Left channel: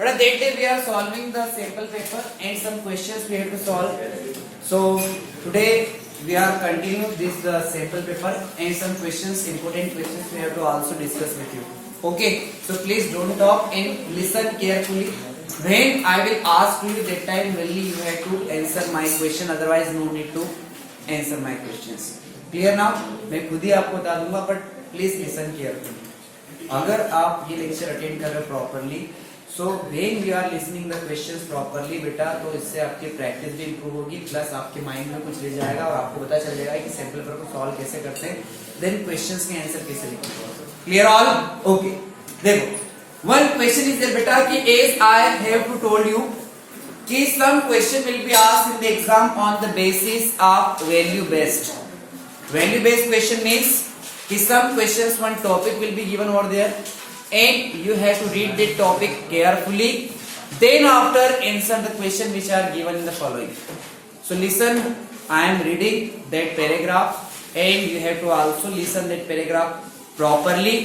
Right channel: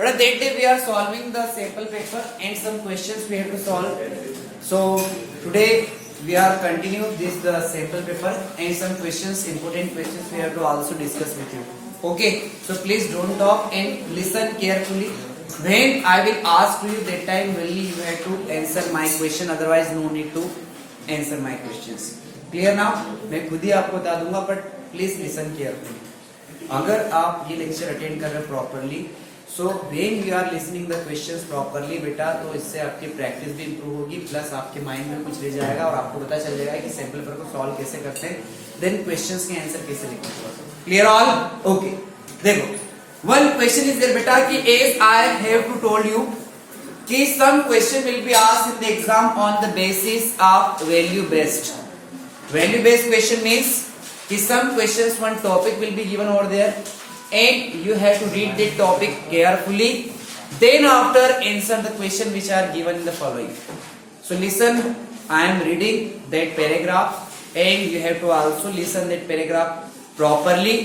But that day we are solving the sample paper and some questions we have to solve. So today we are continue this the sample paper and some questions, important questions we have to also discuss with you. Okay, so please don't talk and listen carefully. When I will ask you that time only you have to answer my question, otherwise no need to answer my questions. Clear now? मैं खुद ही आपको बता दूंगा, but please listen carefully. अगर आप ये lecture attend कर रहे हो properly, so when you are listening the questions properly बेटा, तो इससे आपकी प्रैक्टिस भी इंप्रूव होगी, प्लस आपके माइंड में कुछ ले जाएगा और आपको पता चल जाएगा कि सैंपल पेपर को सॉल्व कैसे करते हैं, देन क्वेश्चंस के आंसर कैसे लिखते हैं. Clear all? ओके, देखो वन क्वेश्चन इज देयर बेटा कि as I have to told you कि some question will be asked in the exam on the basis of value based. Value based question means कि some questions, one topic will be given over there and you have to read the topic carefully, then after answer the question which are given in the following. So listen, I am reading that paragraph and you have to also listen that paragraph properly.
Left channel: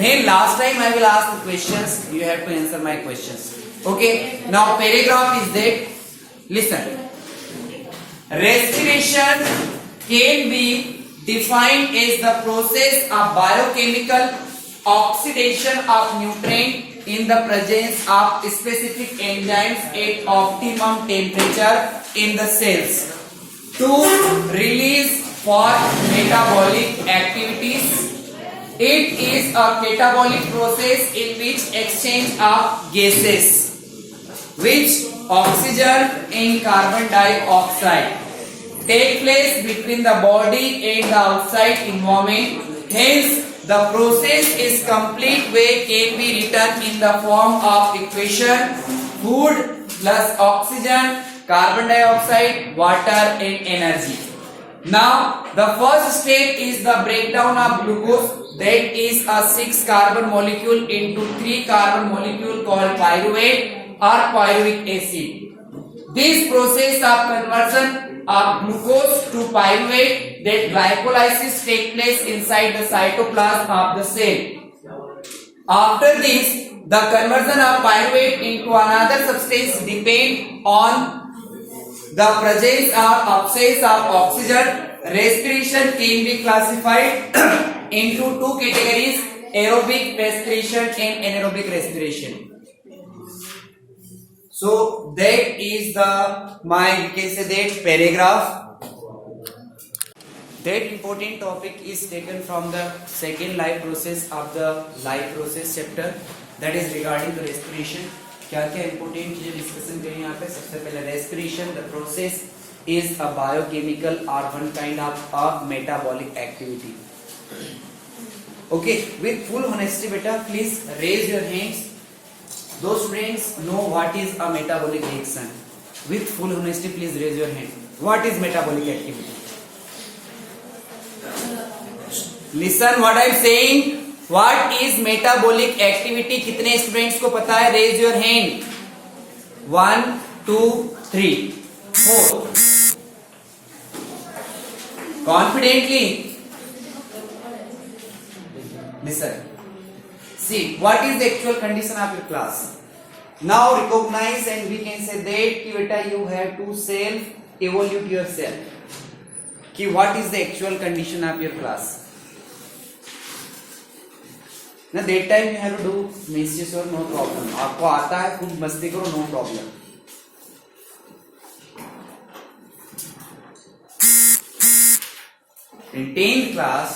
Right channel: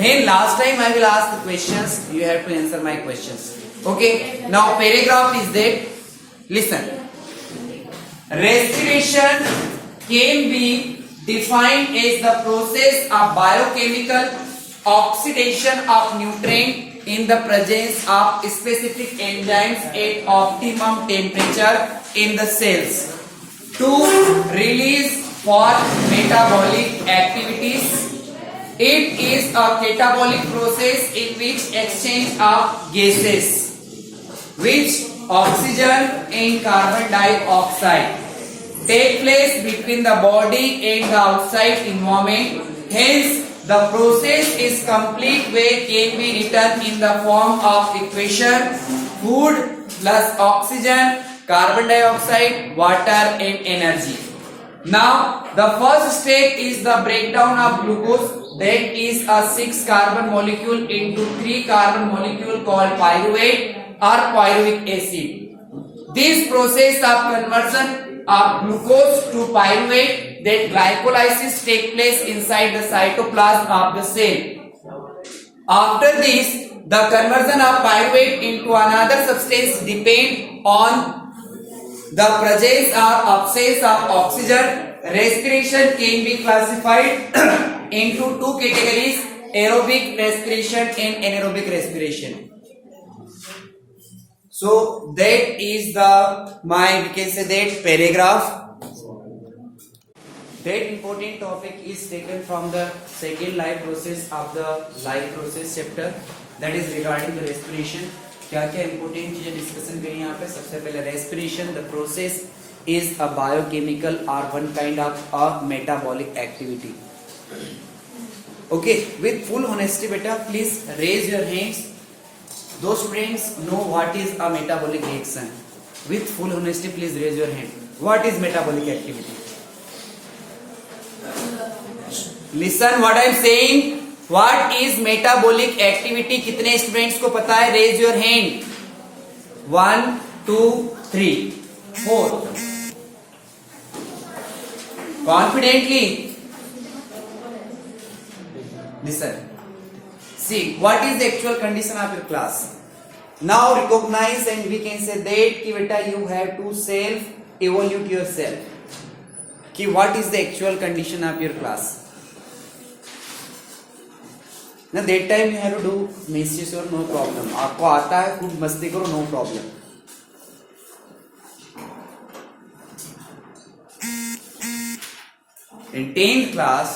When last time I will ask the questions, you have to answer my questions. Okay, now paragraph is that, listen, respiration can be defined as the process of biochemical oxidation of nutrient in the presence of specific enzymes at optimum temperature in the cells to release for metabolic activities. It is a catabolic process in which exchange of gases which oxygen and carbon dioxide take place between the body and the outside environment. Hence, the process is complete way can be written in the form of equation: food plus oxygen, carbon dioxide, water and energy. Now, the first step is the breakdown of glucose. That is a 6 carbon molecule into 3 carbon molecule called pyruvate or pyruvic acid. This process of conversion of glucose to pyruvate, that glycolysis take place inside the cytoplasm of the cell. After this, the conversion of pyruvate into another substance depend on the presence or absence of oxygen. Respiration can be classified into two categories: aerobic respiration and anaerobic respiration. So that is the we can say that paragraph. That important topic is taken from the second life process of the life process chapter, that is regarding the respiration. क्या क्या important चीजें discussion करें यहाँ पे. सबसे पहले respiration, the process is a biochemical or one kind of a metabolic activity. Okay, with full honesty beta, please raise your hands. Those students know what is a metabolic reaction. With full honesty, please raise your hand. What is metabolic activity? Listen what I am saying. What is metabolic activity? कितने students को पता है? Raise your hand. 1, 2, 3, 4. Confidently. Listen. See, what is the actual condition of your class? Now recognize and we can say that कि बेटा you have to self evaluate yourself. कि what is the actual condition of your class? Now that time you have to do mischief or no problem. आपको आता है खुद मस्ती करो, no problem. In 10th class,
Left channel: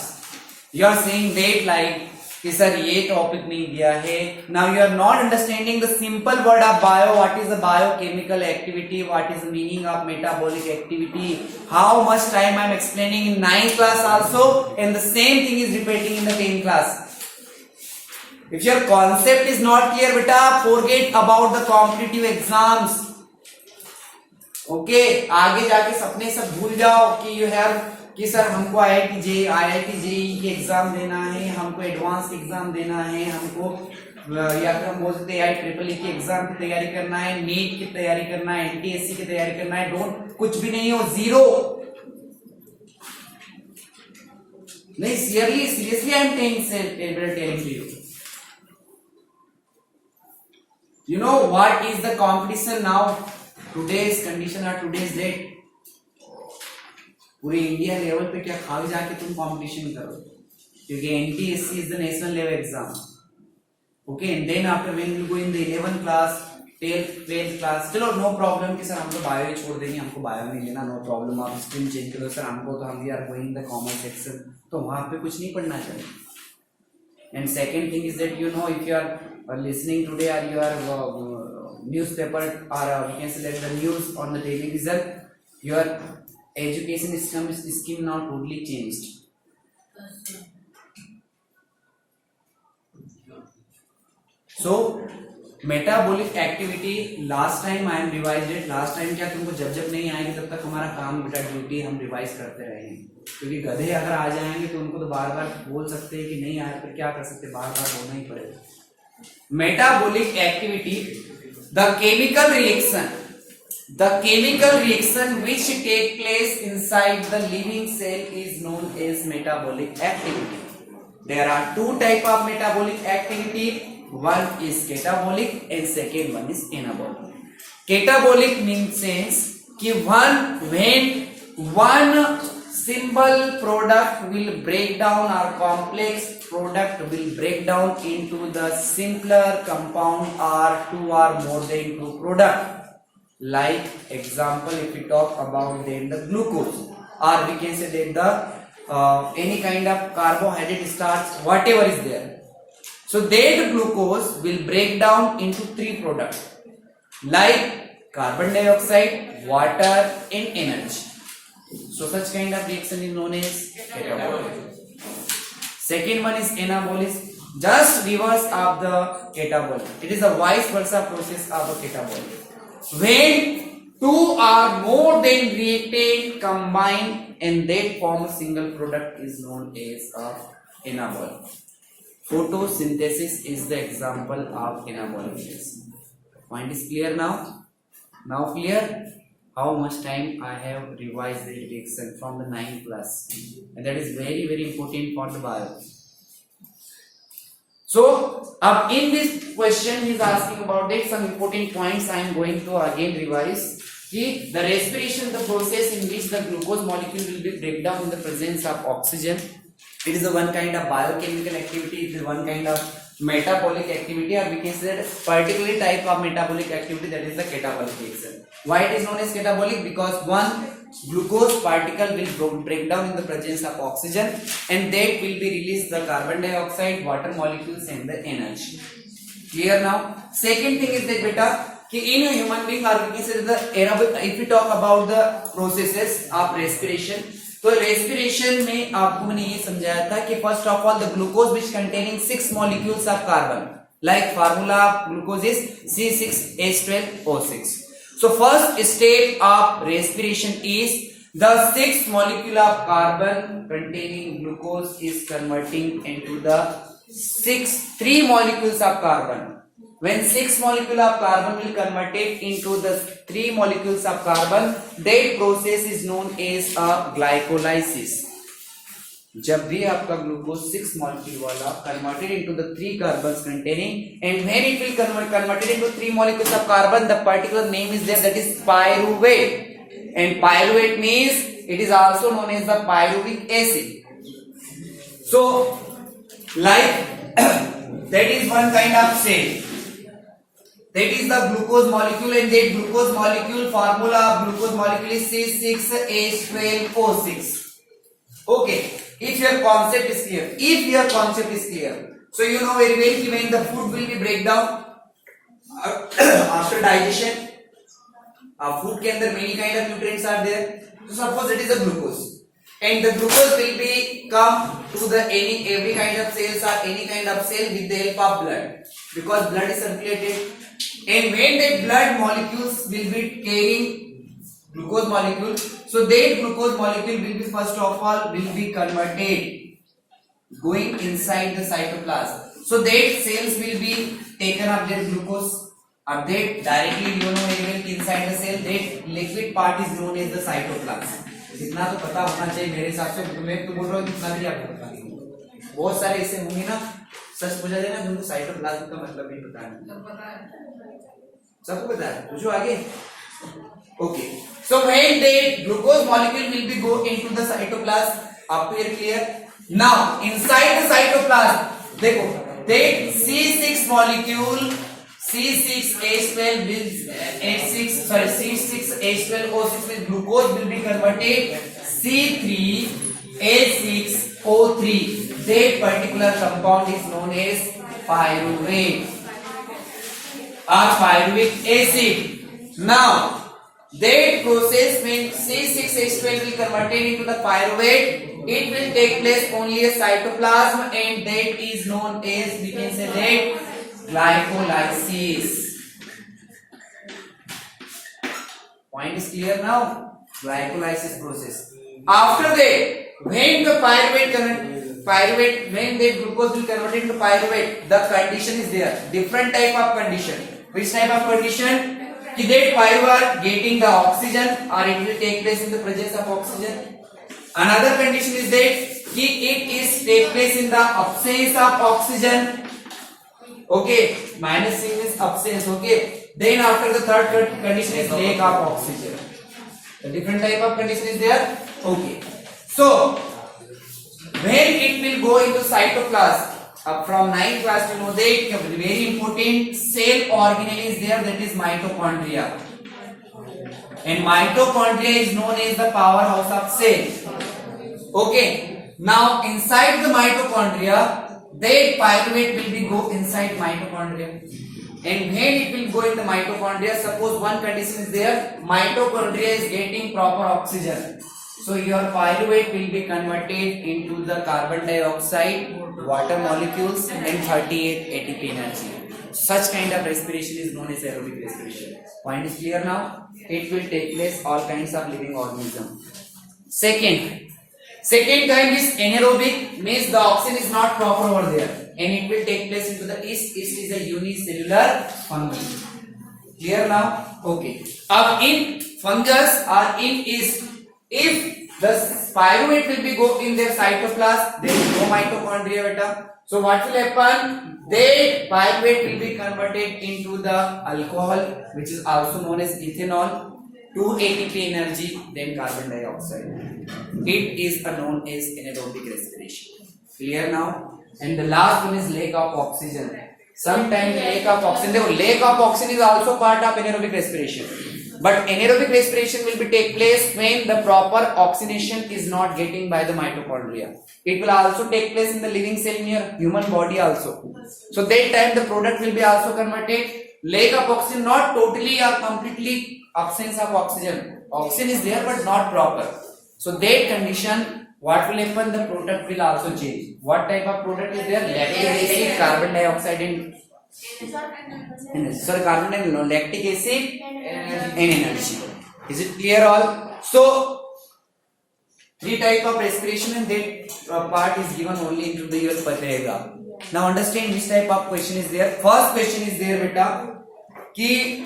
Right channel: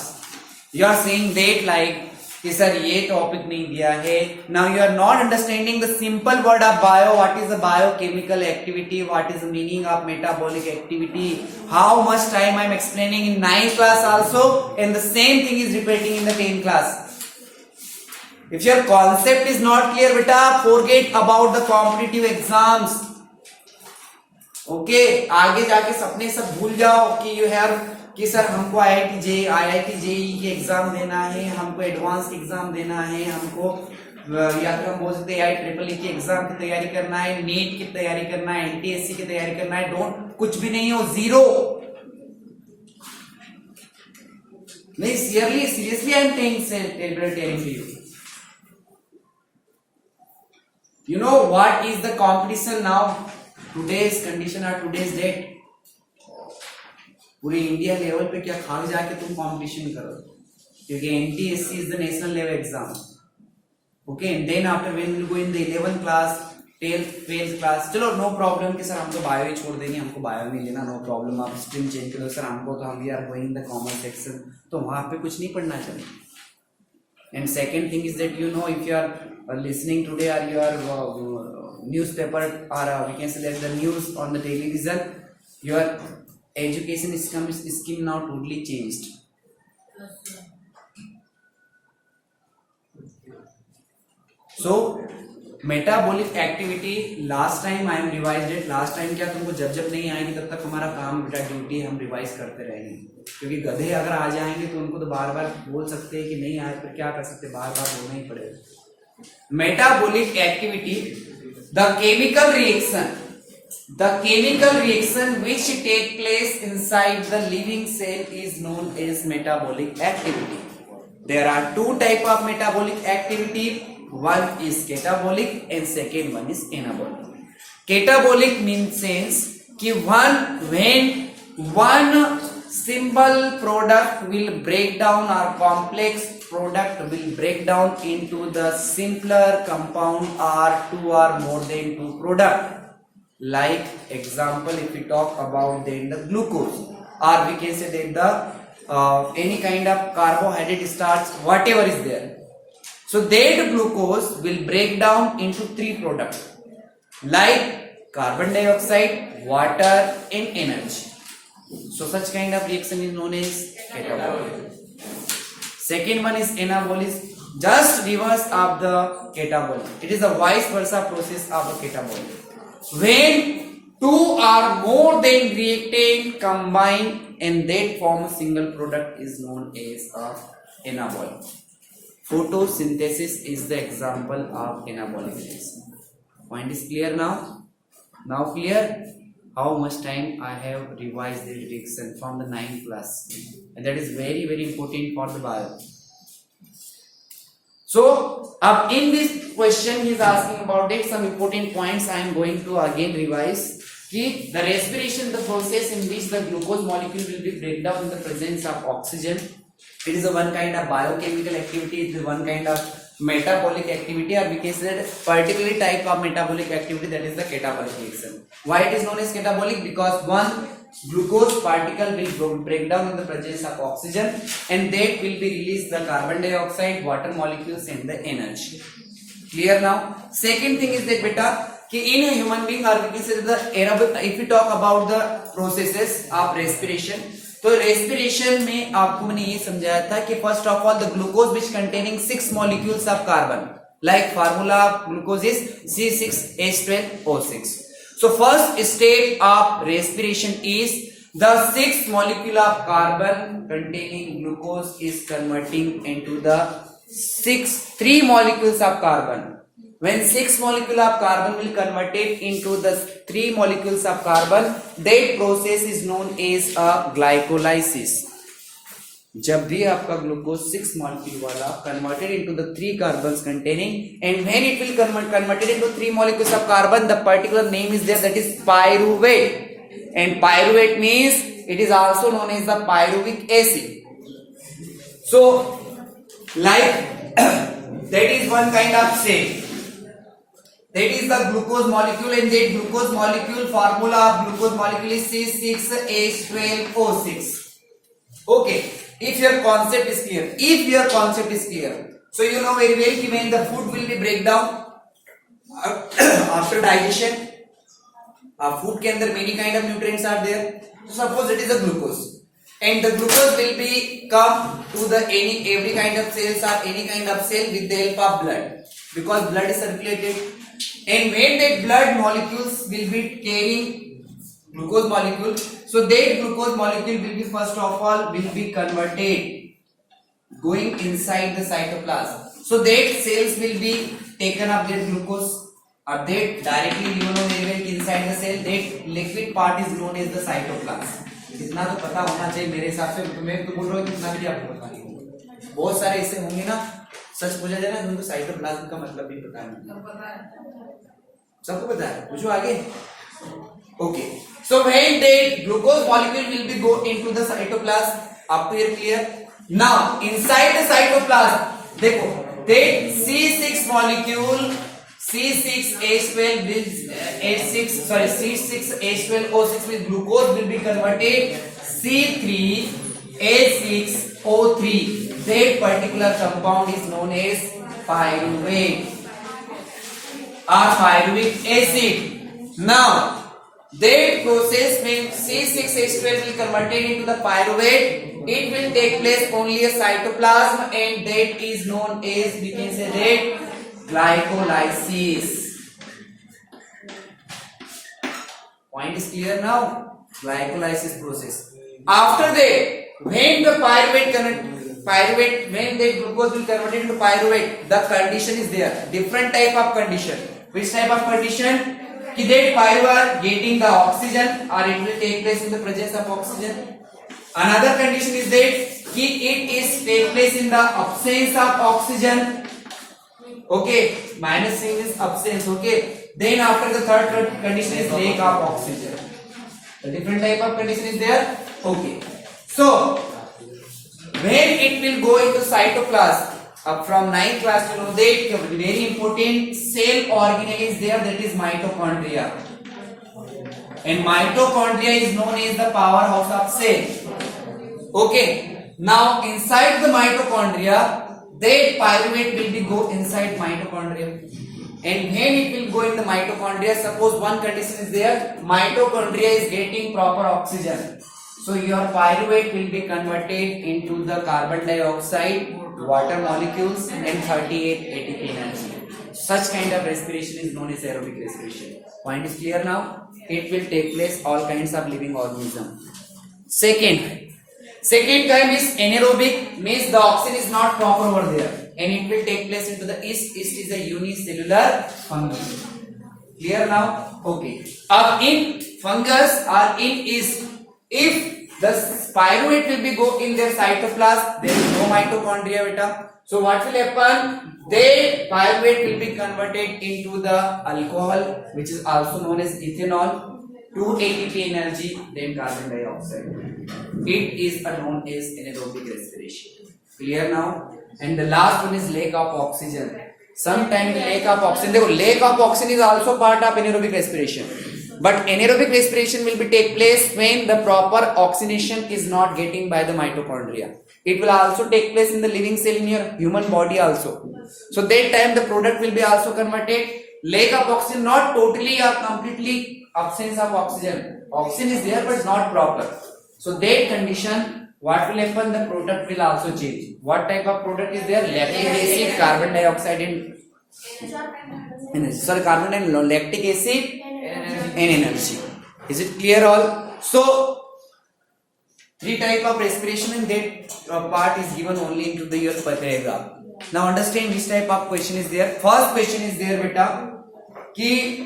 you are saying that like कि sir ये topic नहीं दिया है. Now you are not understanding the simple word of bio. What is a biochemical activity, what is the meaning of metabolic activity. How much time I am explaining in 9th class also and the same thing is repeating in the 10th class. If your concept is not clear बेटा, forget about the competitive exams. Okay, आगे जाके सपने सब भूल जाओ कि you have कि sir हमको आईआईटी जेईई की एग्जाम देना है, हमको एडवांस एग्जाम देना है, हमको या फिर हम बोल सकते हैं IEEE की एग्जाम की तैयारी करना है, नीट की तैयारी करना है, NTSC की तैयारी करना है. डोंट, कुछ भी नहीं हो, जीरो. नहीं, seriously I am telling to you. You know what is the competition now? Today's condition or today's date. पूरे इंडिया लेवल पे क्या खाक जाके तुम कंपटीशन करो, क्योंकि NTSC is the national level exam. Okay, and then after when you go in the 11th class, 12th class, चलो no problem कि सर हम तो बायो ही छोड़ देंगे, हमको बायो नहीं लेना, नो प्रॉब्लम, आप स्ट्रीम चेंज करो सर, हमको तो हम we are going the commerce section, तो वहां पे कुछ नहीं पढ़ना चाहिए. And second thing is that you know if you are listening today or you are newspaper or we can say like the news on the television, your education scheme now totally changed. So metabolic activity last time I am revised it. last time क्या तुमको जब नहीं आएगी तब तक हमारा काम बेटा ड्यूटी हम रिवाइज करते रहेंगे, क्योंकि गधे अगर आ जाएंगे तो उनको तो बार बार बोल सकते हैं कि नहीं आए, फिर क्या कर सकते, बार बार बोलना ही पड़ेगा. Metabolic activity, the chemical reaction which take place inside the living cell is known as metabolic activity. There are two type of metabolic activity. One is catabolic and second one is anabolic. Catabolic means कि when one simple product will break down or complex product will break down into the simpler compound or two or more than two product. Like example, if we talk about then the glucose, or we can say that the any kind of carbohydrate starch, whatever is there. So that glucose will break down into three products like carbon dioxide, water and energy. So such kind of reaction is known as catabolic. Second one is anabolic, just reverse of the catabolic. It is a vice versa process of a catabolic. When two or more than reactant combine and they form a single product is known as a anabolic. Photosynthesis is the example of anabolic reaction. Point is clear now? Now clear? How much time I have revised the reaction from the 9th class, and that is very important for the bio. So अब in this question he is asking about it, some important points I am going to again revise. कि the respiration, the process in which the glucose molecule will be break down in the presence of oxygen. It is a one kind of biochemical activity, it is one kind of metabolic activity, or we can say that particular type of metabolic activity, that is the catabolic reaction. Why it is known as catabolic? Because one glucose particle will break down in the presence of oxygen and that will be released the carbon dioxide, water molecules and the energy. Clear now? Second thing is that beta, in a human being, or we can say that if we talk about the processes of respiration, तो respiration में आपको मैंने ये समझाया था कि first of all the glucose which containing 6 molecules of carbon, like formula of glucose is C6H12O6. So first step of respiration is the 6 molecule of carbon containing glucose is converting into the 3 molecules of carbon. When 6 molecule of carbon will convert it into the 3 molecules of carbon, that process is known as a glycolysis. जब भी आपका glucose 6 molecule वाला converted into the 3 carbons containing, and when it will converted into 3 molecules of carbon, the particular name is there, that is pyruvate. And pyruvate means it is also known as the pyruvic acid. So like that is one kind of cell. That is the glucose molecule, and that glucose molecule, formula of glucose molecule is C6H12O6. Okay, if your concept is clear, so you know very well when the food will be break down after digestion, food के अंदर many kind of nutrients are there. So suppose it is a glucose, and the glucose will be come to the every kind of cells or any kind of cell with the help of blood, because blood is circulated. And when that blood molecules will be carrying glucose molecule, so that glucose molecule will be first of all will be converted going inside the cytoplasm. So that cells will be taken up that glucose, or that directly you know very well inside the cell, that liquid part is known as the cytoplasm. इतना तो पता होना चाहिए मेरे हिसाब से, मैं तो बोल रहा हूँ इतना भी आपको पता नहीं होगा, बहुत सारे ऐसे होंगे ना, सच बोला जाए ना, उनको साइटोप्लाज्म का मतलब भी पता नहीं. सबको पता है, पूछो आगे। Okay, so when the glucose molecule will be go into the cytoplasm, up to here clear? Now inside the cytoplasm, देखो take C6 molecule, C6H12 will C6H12O6 with glucose will be converted C3H6O3. That particular compound is known as pyruvate or pyruvic acid. Now that process when C6H12 will converted into the pyruvate, it will take place only a cytoplasm, and that is known as, we can say that, glycolysis. Point is clear now? Glycolysis process. After that, when the when the glucose will convert into pyruvate, the condition is there. Different type of condition. Which type of condition? That pyruvate getting the oxygen, or it will take place in the presence of oxygen. Another condition is that it is take place in the absence of oxygen. Okay, minus sign is absence. Okay, then after the third condition is lack of oxygen. The different type of condition is there. Okay, so when it will go into cytoplasm, from 9th class to know that very important cell organelle is there, that is mitochondria, and mitochondria is known as the powerhouse of cell. Okay, now inside the mitochondria, that pyruvate will be go inside mitochondria, and when it will go in the mitochondria, suppose one condition is there, mitochondria is getting proper oxygen, so your pyruvate will be converted into the carbon dioxide, water molecules, and 38 ATP energy. Such kind of respiration is known as aerobic respiration. Point is clear now? It will take place all kinds of living organism. Second kind is anaerobic, means the oxygen is not proper over there, and it will take place into the yeast. Yeast is a unicellular fungus. Clear now? Okay. In fungus or in yeast, if the pyruvate will be go in their cytoplasm, there is no mitochondria beta. So what will happen? The pyruvate will be converted into the alcohol, which is also known as ethanol, 2 ATP energy, then carbon dioxide. It is known as anaerobic respiration. Clear now? And the last one is lack of oxygen. Sometimes the lack of oxygen, the lack of oxygen is also part of anaerobic respiration. But anaerobic respiration will be take place when the proper oxygenation is not getting by the mitochondria. It will also take place in the living cell in your human body also. So that time the product will be also converted. Lack of oxygen, not totally or completely absence of oxygen. Oxygen is there but not proper. So that condition, what will happen? The product will also change. What type of product is there? Lactic acid, carbon dioxide, and carbon and lactic acid and energy. Is it clear all? So 3 type of respiration, and that part is given only into the your paragraph. Now understand which type of question is there. First question is there beta ki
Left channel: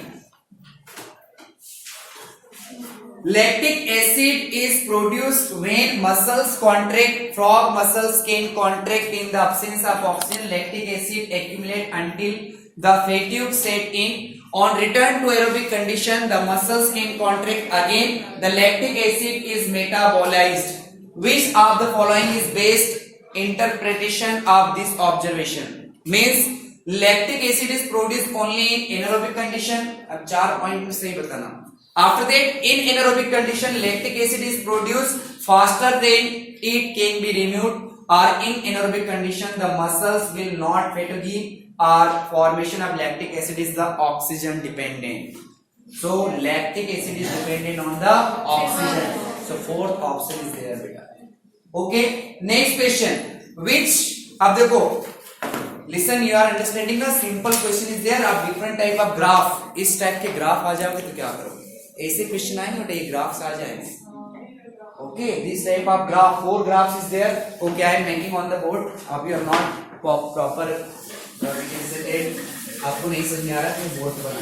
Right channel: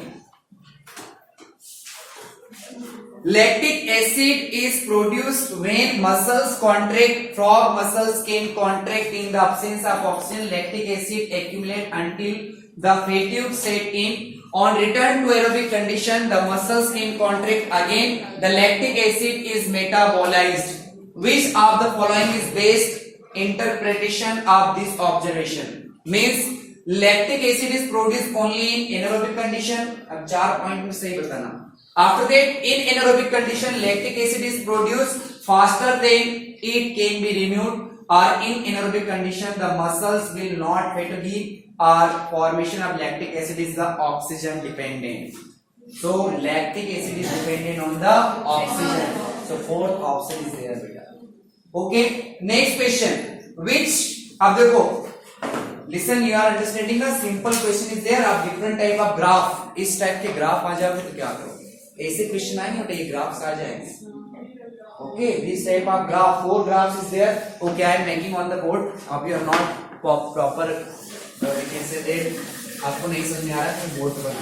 lactic acid is produced when muscles contract. Frog muscles can contract in the absence of oxygen. Lactic acid accumulate until the fatigue set in. On return to aerobic condition, the muscles can contract again. The lactic acid is metabolized. Which of the following is best interpretation of this observation? Means lactic acid is produced only in anaerobic condition. अब 4 point में सही बताना. After that, in anaerobic condition, lactic acid is produced faster than it can be renewed. Or in anaerobic condition, the muscles will not fatigue. Or formation of lactic acid is the oxygen dependent. So lactic acid is dependent on the oxygen. So fourth option is there beta. Okay, next question. Which अब देखो, listen, you are understanding the simple question is there. आप different type of graph, इस type के graph आ जाओगे तो क्या करोगे? ऐसे question आएंगे और ये graphs आ जाएंगे. Okay, this type of graph, 4 graphs is there. Okay, I am making on the board. अब you are not proper. आपको नहीं समझ में आ रहा है बोर्ड बना.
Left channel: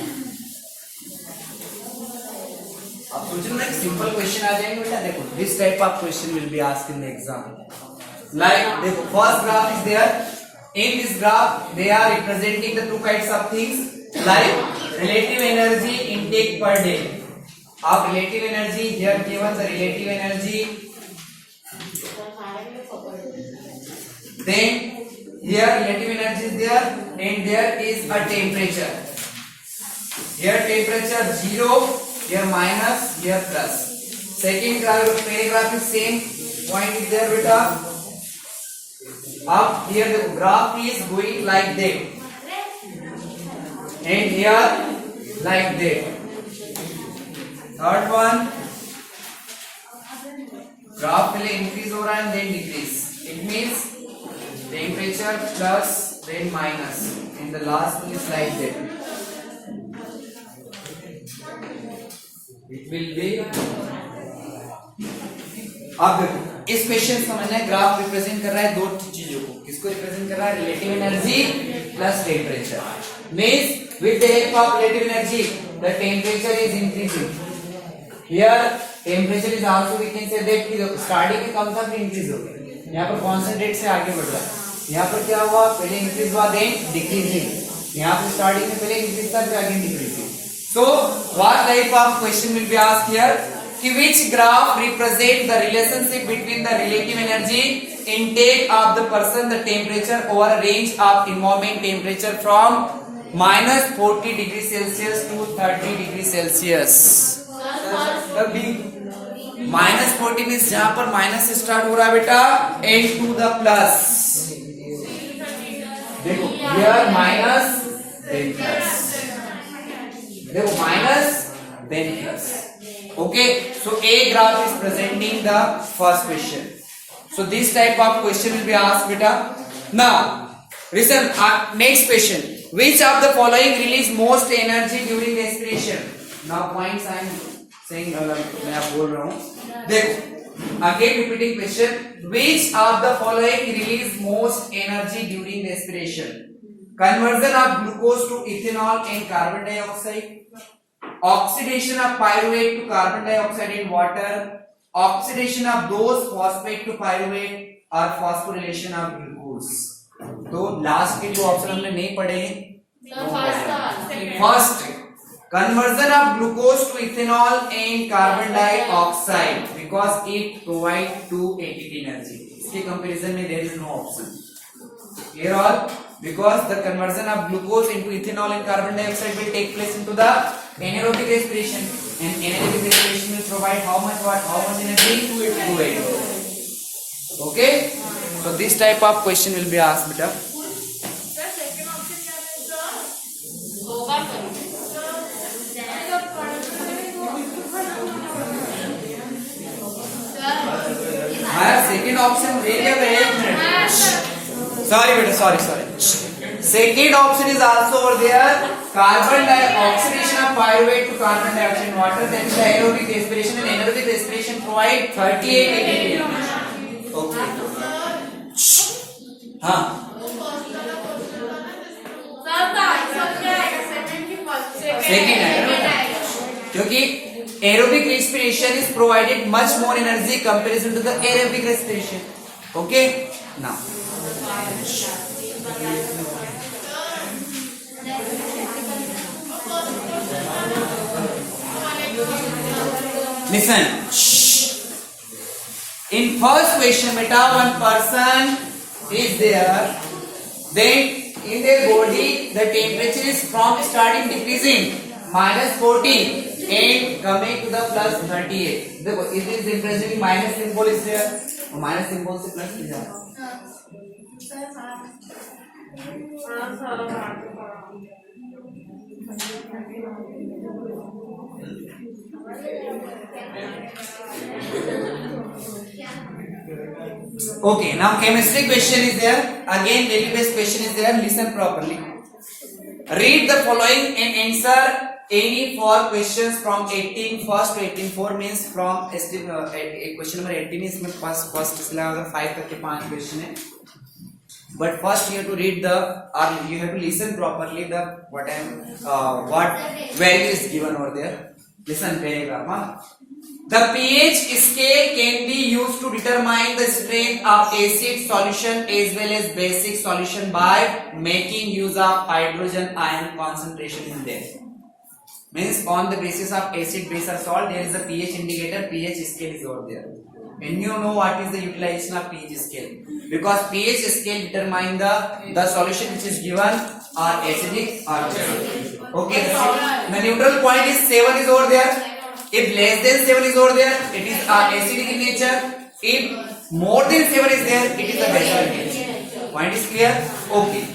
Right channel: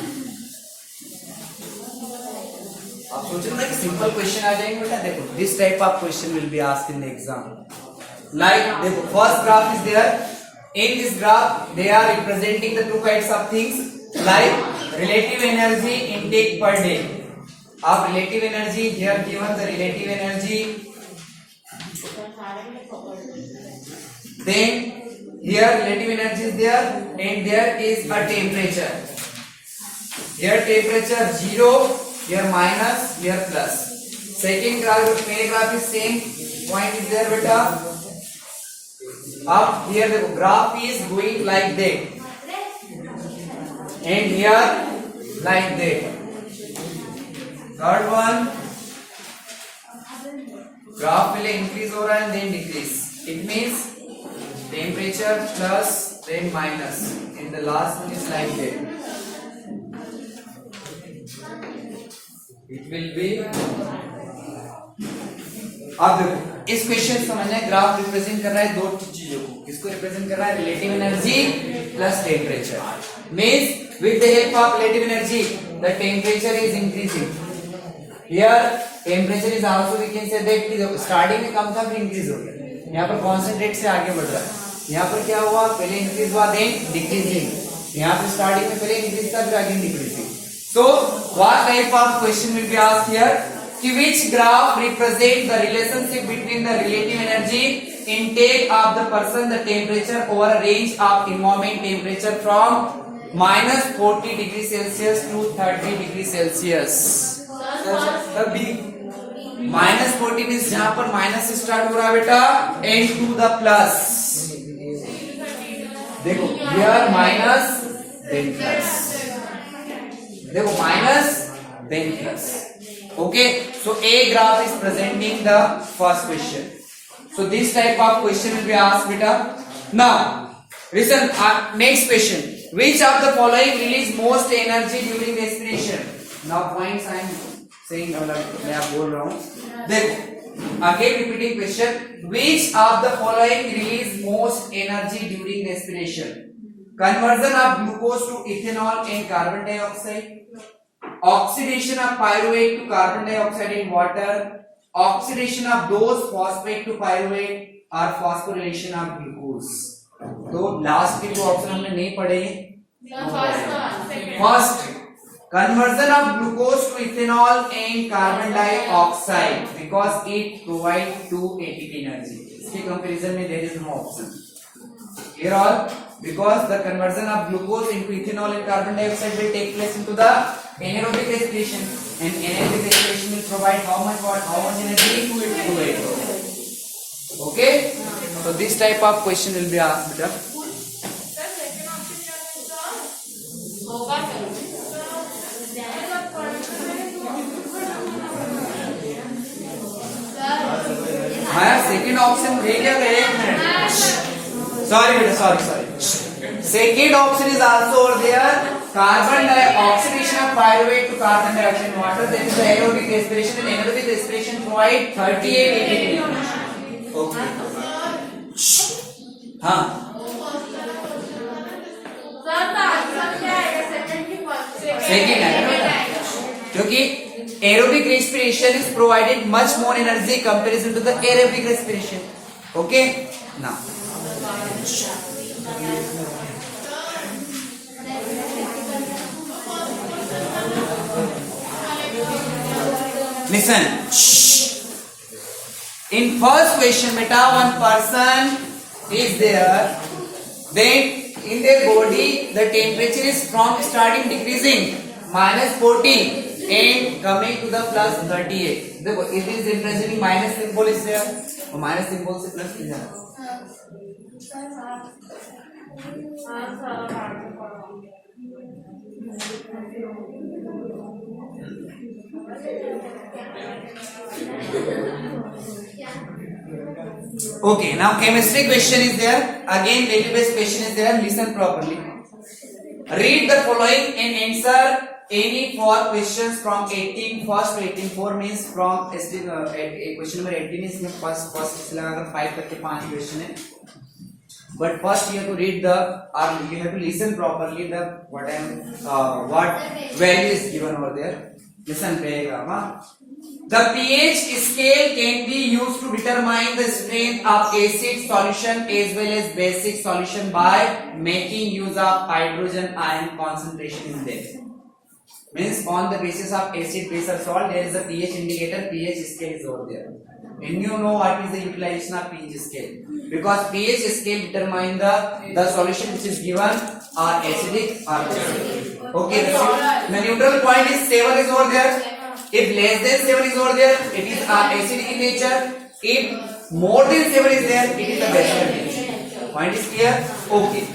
आप सोच रहे हो ना कि सिंपल क्वेश्चन आ जाएंगे बेटा. देखो this type of question will be asked in the exam. Like देखो first graph is there. In this graph, they are representing the 2 kinds of things like relative energy intake per day. Of relative energy, here given the relative energy. Then here relative energy is there, and there is a temperature. Here temperature 0, here minus, here plus. Second paragraph is same point is there, beta. Up here the graph is going like that, and here like that. Third one, graph will increase over and then decrease. It means temperature plus then minus, and the last one is like that. It will be. अब देखो इस question समझना है, graph represent कर रहा है दो चीजों को. किसको रिप्रेजेंट कर रहा है? Relative energy plus temperature. Means with the help of relative energy the temperature is increasing. Here temperature is also we can say that कि स्टार्टिंग में कम था फिर इंक्रीज हो गया. यहाँ पर कॉन्सेंट्रेट से आगे बढ़ रहा है. यहाँ पर क्या हुआ? पहले इंक्रीज हुआ देन डिक्रीजिंग. यहाँ पर स्टार्टिंग में पहले इंक्रीज था फिर आगे decreasing. So what type of question will be asked here? Which graph represent the relationship between the relative energy intake of the person, the temperature over a range of environment temperature from minus 40 degrees Celsius to 30 degrees Celsius. Minus 40 means जहाँ पर minus से start हो रहा है बेटा, and to the plus. देखो here minus then plus. देखो minus then plus. Okay, so A graph is presenting the first question. So this type of question will be asked, beta. Now, listen. Next question: which of the following release most energy during respiration? Now points I am saying. मैं आप बोल रहा हूँ. देखो again repeating question: which of the following release most energy during respiration? Conversion of glucose to ethanol and carbon dioxide. Oxidation of pyruvate to carbon dioxide in water. Oxidation of those phosphate to pyruvate or phosphorylation of glucose. तो last के जो option हमने नहीं पढ़े, first conversion of glucose to ethanol and carbon dioxide because it provide 2 energy. इसके comparison में there is no option. Clear all? Because the conversion of glucose into ethanol and carbon dioxide will take place into the anaerobic respiration, and anaerobic respiration will provide how much energy? 2 Okay, so this type of question will be asked, beta. हाँ second option देख ले, एक minute. Sorry beta, sorry. Second option is also over there. Carbon oxidation of pyruvate to carbon dioxide in water. Then the aerobic respiration, and anaerobic respiration provide 38 ATP. Okay. हाँ. Second है ना, क्योंकि aerobic respiration is provided much more energy comparison to the aerobic respiration. Okay. Now. Listen. In first question, beta, one person is there. Then in their body, the temperature is from starting decreasing minus 14 and coming to the plus 38. देखो, it is representing minus symbol is there. और minus symbol से plus की जा रहा है. Okay, now chemistry question is there. Again, daily based question is there. Listen properly. Read the following and answer any 4 questions from 18 first to 18. 4 means from question number 18 is first इसलिए अगर 5 तक के 5 question है. But first you have to read the, or you have to listen properly the what value is given over there. Listen paragraph. The pH scale can be used to determine the strength of acid solution as well as basic solution by making use of hydrogen ion concentration in them. means on the basis of acid, base or salt, there is a pH indicator, pH scale is over there. And you know what is the utilization of pH scale, because pH scale determine the solution which is given are acidic or basic. Okay, the neutral point is 7 is over there. If less than 7 is over there, it is acidic in nature. If more than 7 is there, it is a basic in nature. Point is clear? Okay.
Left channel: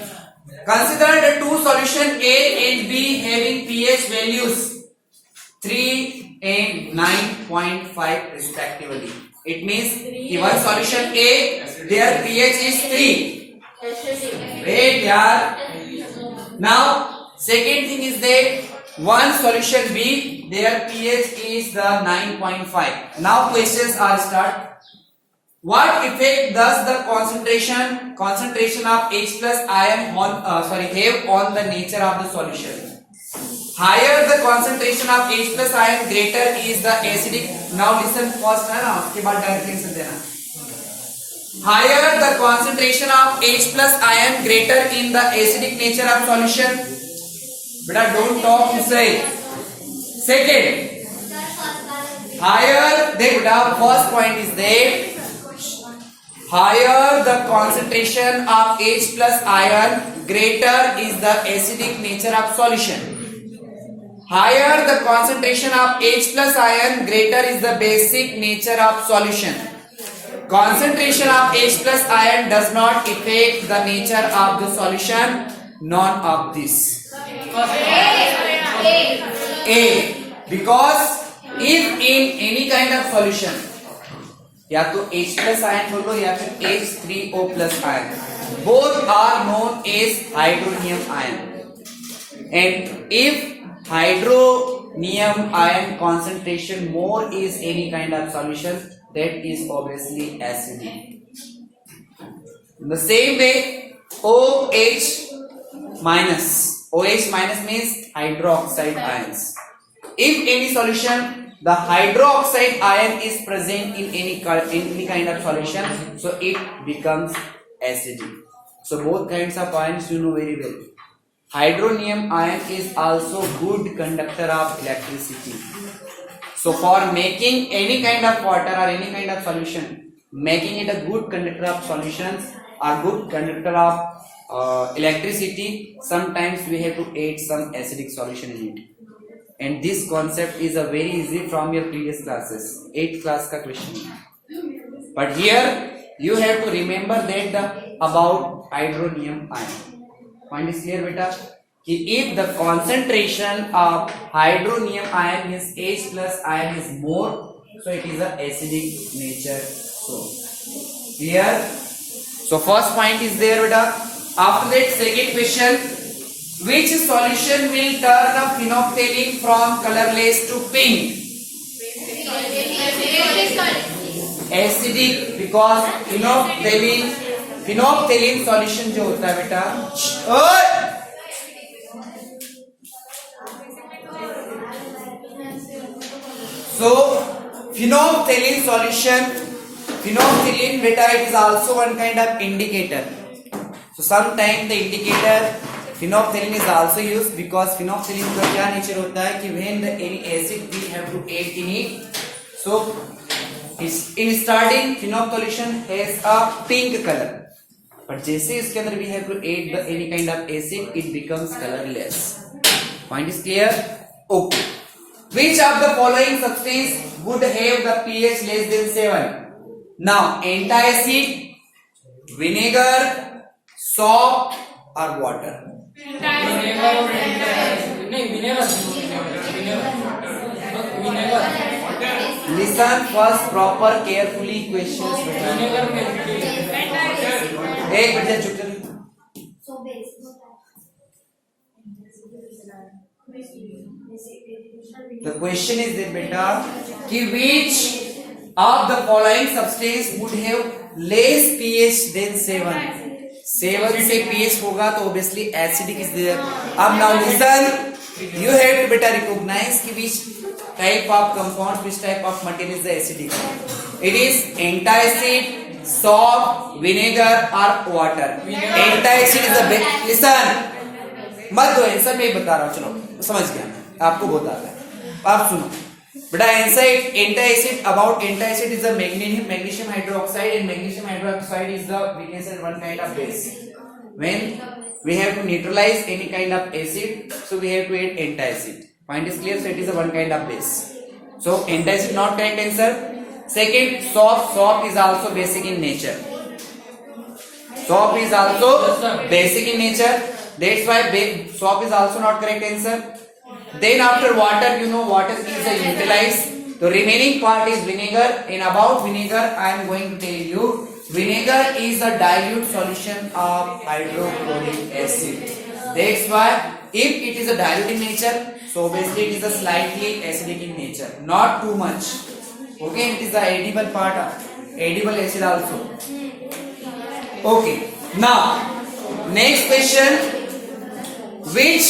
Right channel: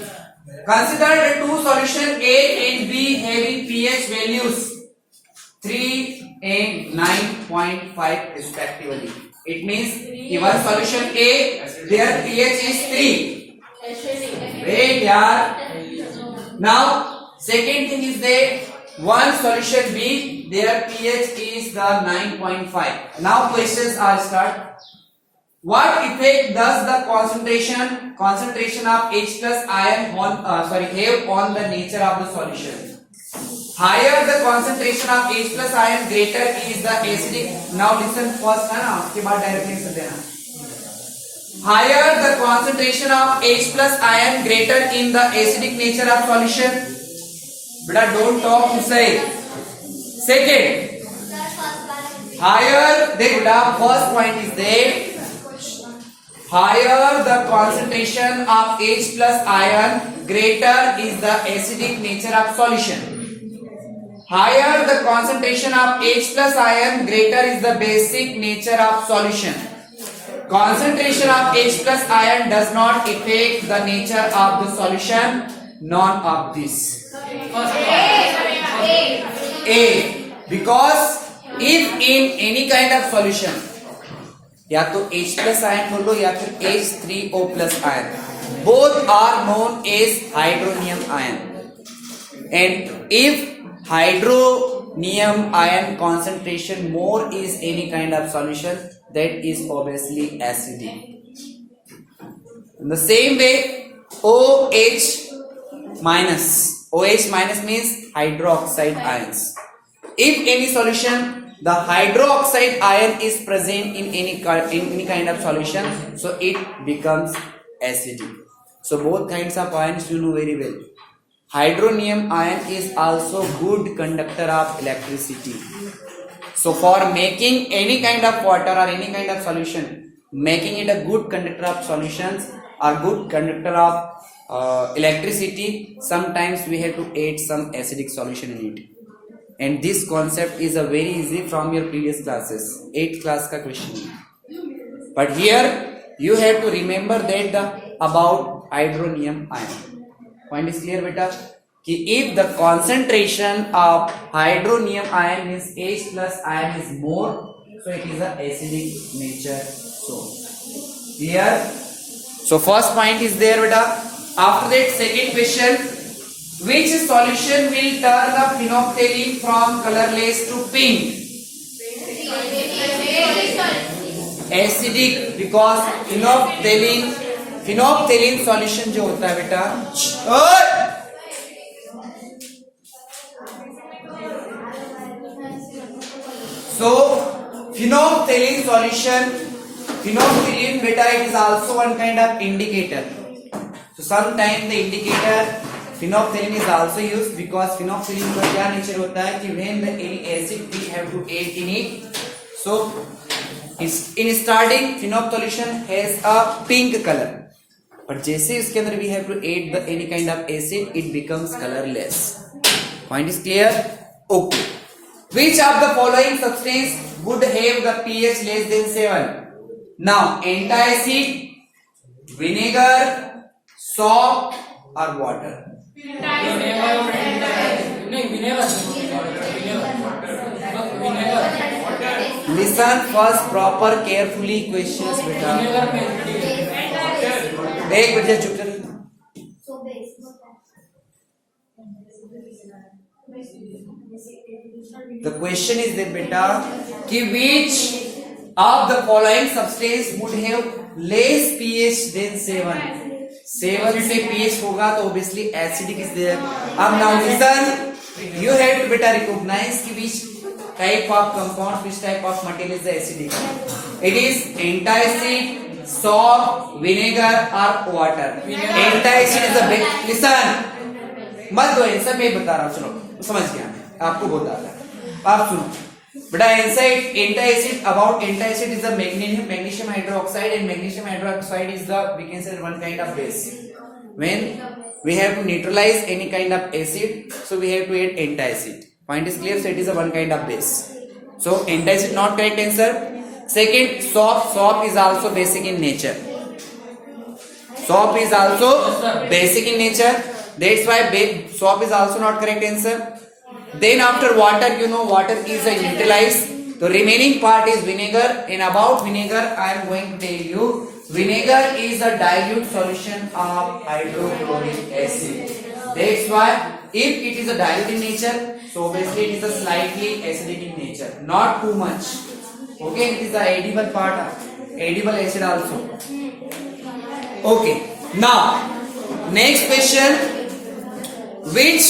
Consider the two solution A and B having pH values 3 and 9.5 respectively. It means given solution A, their pH is 3. Wait, yaar. Now, second thing is that one solution B, their pH is the 9.5. Now questions are start. What effect does the concentration of H plus ion have on the nature of the solution? Higher the concentration of H plus ion, greater is the acidic. Now listen first है ना, उसके बाद directly answer देना. Higher the concentration of H plus ion, greater in the acidic nature of solution. बेटा don't talk to say. Second, higher the first point is that higher the concentration of H plus ion, greater is the acidic nature of solution. Higher the concentration of H plus ion, greater is the basic nature of solution. Concentration of H plus ion does not affect the nature of the solution. None of this. A. Because if in any kind of solution, या तो H plus ion बोलो या फिर H3O plus ion, both are known as hydronium ion. And if hydronium ion concentration more is any kind of solution, that is obviously acidic. In the same way, OH minus means hydroxide ions. If any solution, the hydroxide ion is present in any kind of solution, so it becomes acidic. So both kinds of ions you know very well. Hydronium ion is also good conductor of electricity. So for making any kind of water or any kind of solution, making it a good conductor of solutions or good conductor of electricity, sometimes we have to add some acidic solution in it. And this concept is a very easy from your previous classes, 8th class ka question. But here you have to remember that about hydronium ion. Point is clear, beta? कि if the concentration of hydronium ion means H plus ion is more, so it is a acidic nature. So clear? So first point is there, beta. After that, second question. Which solution will turn a phenolphthalein from colorless to pink? Acidic, because phenolphthalein solution जो होता है बेटा, so phenolphthalein solution, phenolphthalein beta, it is also one kind of indicator. So sometimes the indicator phenolphthalein is also used, because phenolphthalein का क्या nature होता है कि when the any acid we have to add in it, so in starting phenolphthalein has a pink color, but जैसे इसके अंदर we have to add the any kind of acid, it becomes colorless. Point is clear? Okay. Which of the following substance would have the pH less than 7? Now antacid, vinegar, soap or water? Listen first proper carefully questions. एक minute चुप कर. The question is that beta, कि which of the following substance would have less pH than 7? 7 से pH होगा तो obviously acidic is there. अब now listen, you have to better recognize कि which type of compound, which type of material is the acidic. It is antacid, soap, vinegar or water. Antacid is the best. Listen, मत दो answer, मैं बता रहा हूँ, चलो समझ गया. आपको बताता है। आप सुनो बेटा, antacid about antacid is the magnesium hydroxide, and magnesium hydroxide is the, we can say, one kind of base. When we have to neutralize any kind of acid, so we have to add antacid. Point is clear? So it is a one kind of base. So antacid not correct answer. Second, soap is also basic in nature. Soap is also basic in nature. That's why soap is also not correct answer. Then after water, you know water is a utilized. The remaining part is vinegar. And about vinegar, I am going to tell you, vinegar is a dilute solution of hydrochloric acid. That's why if it is a dilute in nature, so obviously it is a slightly acidic in nature, not too much. Okay, it is the edible part, edible acid also. Okay, now next question, which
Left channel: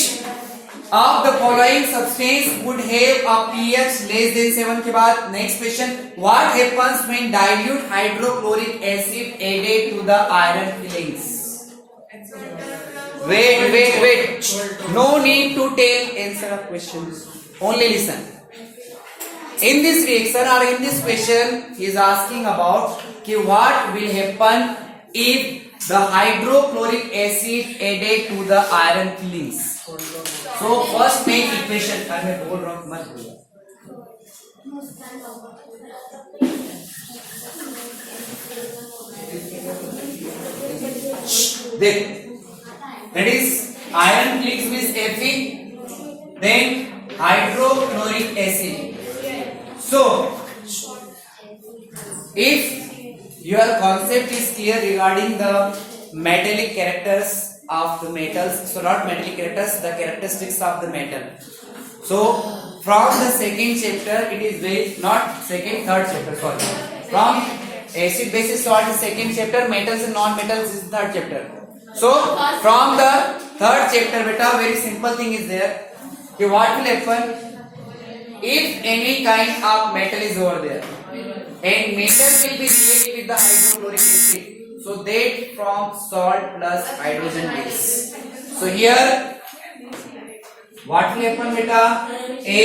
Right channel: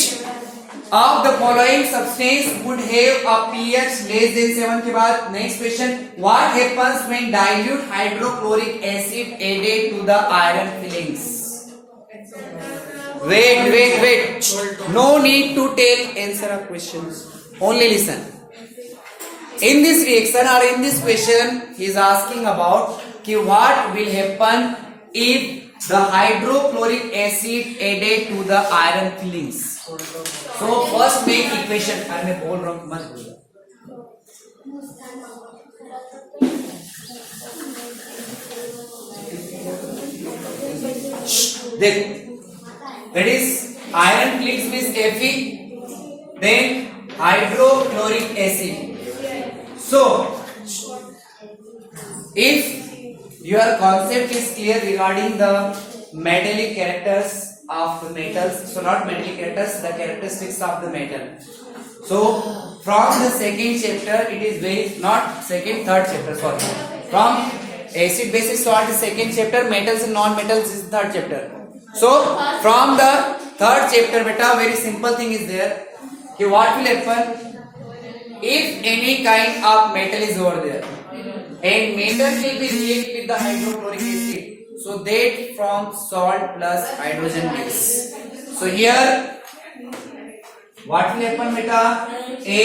of the following substance would have a pH less than 7 के बाद next question, what happens when dilute hydrochloric acid added to the iron fillings? Wait, no need to tell answer of questions, only listen. In this reaction or in this question, he is asking about what will happen if the hydrochloric acid added to the iron fillings. So first make equation, मैं बोल रहा हूँ मत बोलो. देख, that is iron fillings with Fe, then hydrochloric acid. So if your concept is clear regarding the metallic characters of the metals, so not metallic characters, the characteristics of the metal. So from the second chapter, it is very, not second, third chapter, sorry. From acid basis salt is second chapter, metals and non-metals is third chapter. So from the third chapter, beta, very simple thing is there. Okay, what will happen if any kind of metal is over there, and metal will be reacted with the hydrochloric acid. So that from salt plus hydrogen gas. So here what will happen beta? Fe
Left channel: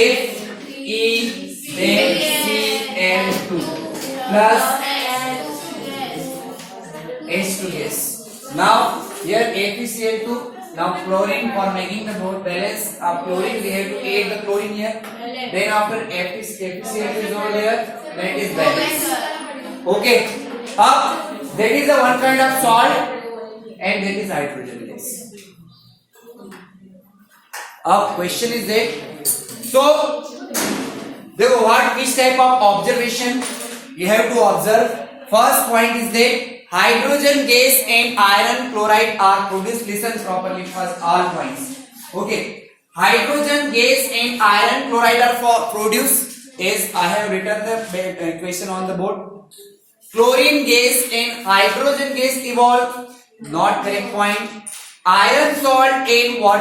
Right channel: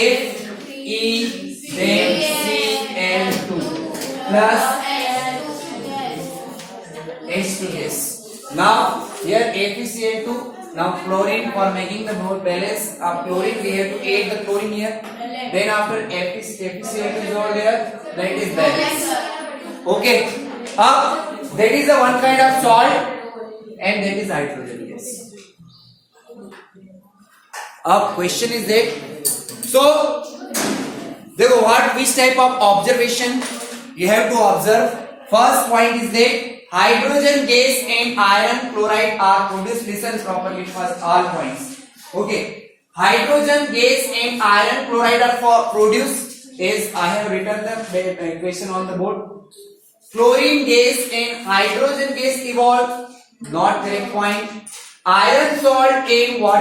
then Cl2 plus H2 gas. Now here FeCl2. Now chlorine, for making the node balance of chlorine, we have to add the chlorine here. Then after FeCl2 is over there, that is balance. Okay. Up. That is the one kind of salt, and that is hydrogen gas. Question is that, so देखो which type of observation you have to observe. First point is that hydrogen gas and iron chloride are produced. Listen properly first, all points. Okay, hydrogen gas and iron chloride are produced as I have written the equation on the board. Chlorine gas and hydrogen gas evolve, not correct point. Iron salt and water